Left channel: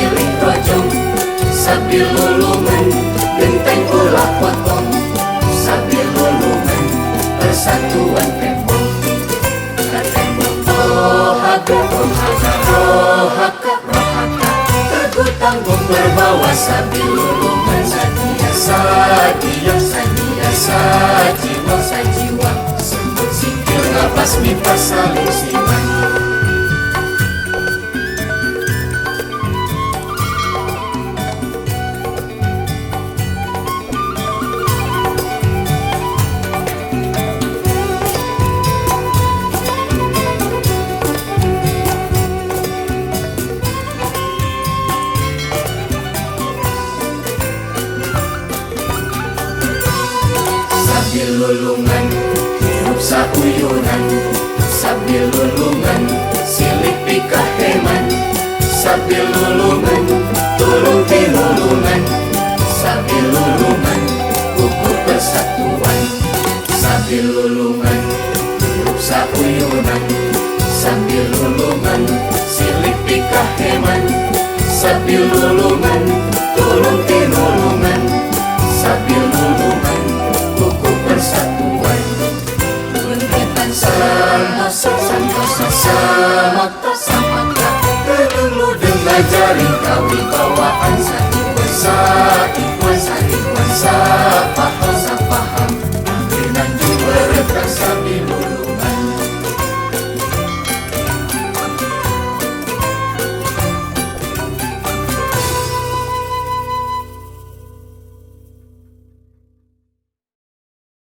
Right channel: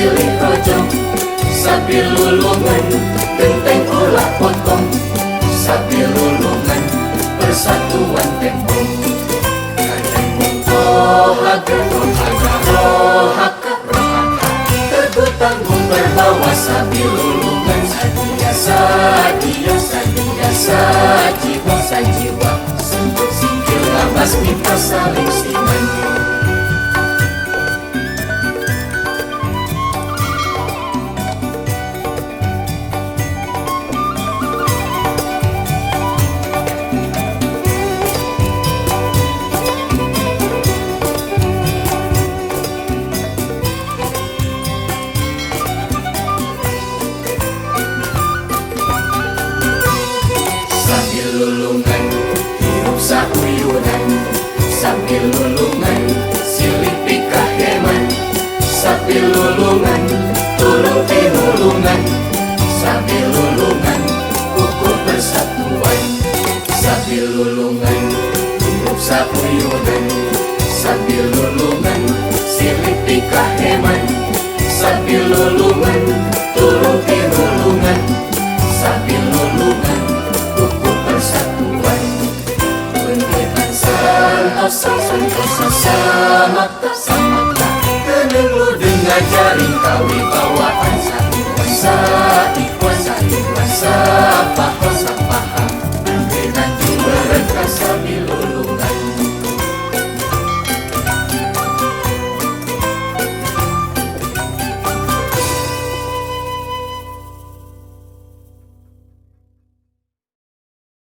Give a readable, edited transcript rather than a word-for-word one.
silih rojong, sambil lulungan genteng ulah potong, sambil lulungan persatuan tembok. Rohaka, rohaka, rohaka, rohaka, teguh tanggung berbawa sambil lulungan. Sadia, sadia, sajiwa, sajiwa, sikil lapas kita saling siman. Lulungan hidup sakuyuran, sambil lulungan silih pikah heman, sambil lulungan tulung tinulungan, sambil lulungan ukur persatuan, sambil lulungan hidup sakuyuran, sambil lulungan silih pikah heman, sambil lulungan tulung tinulungan, sambil lulungan Santosa, Santosa, Santosa,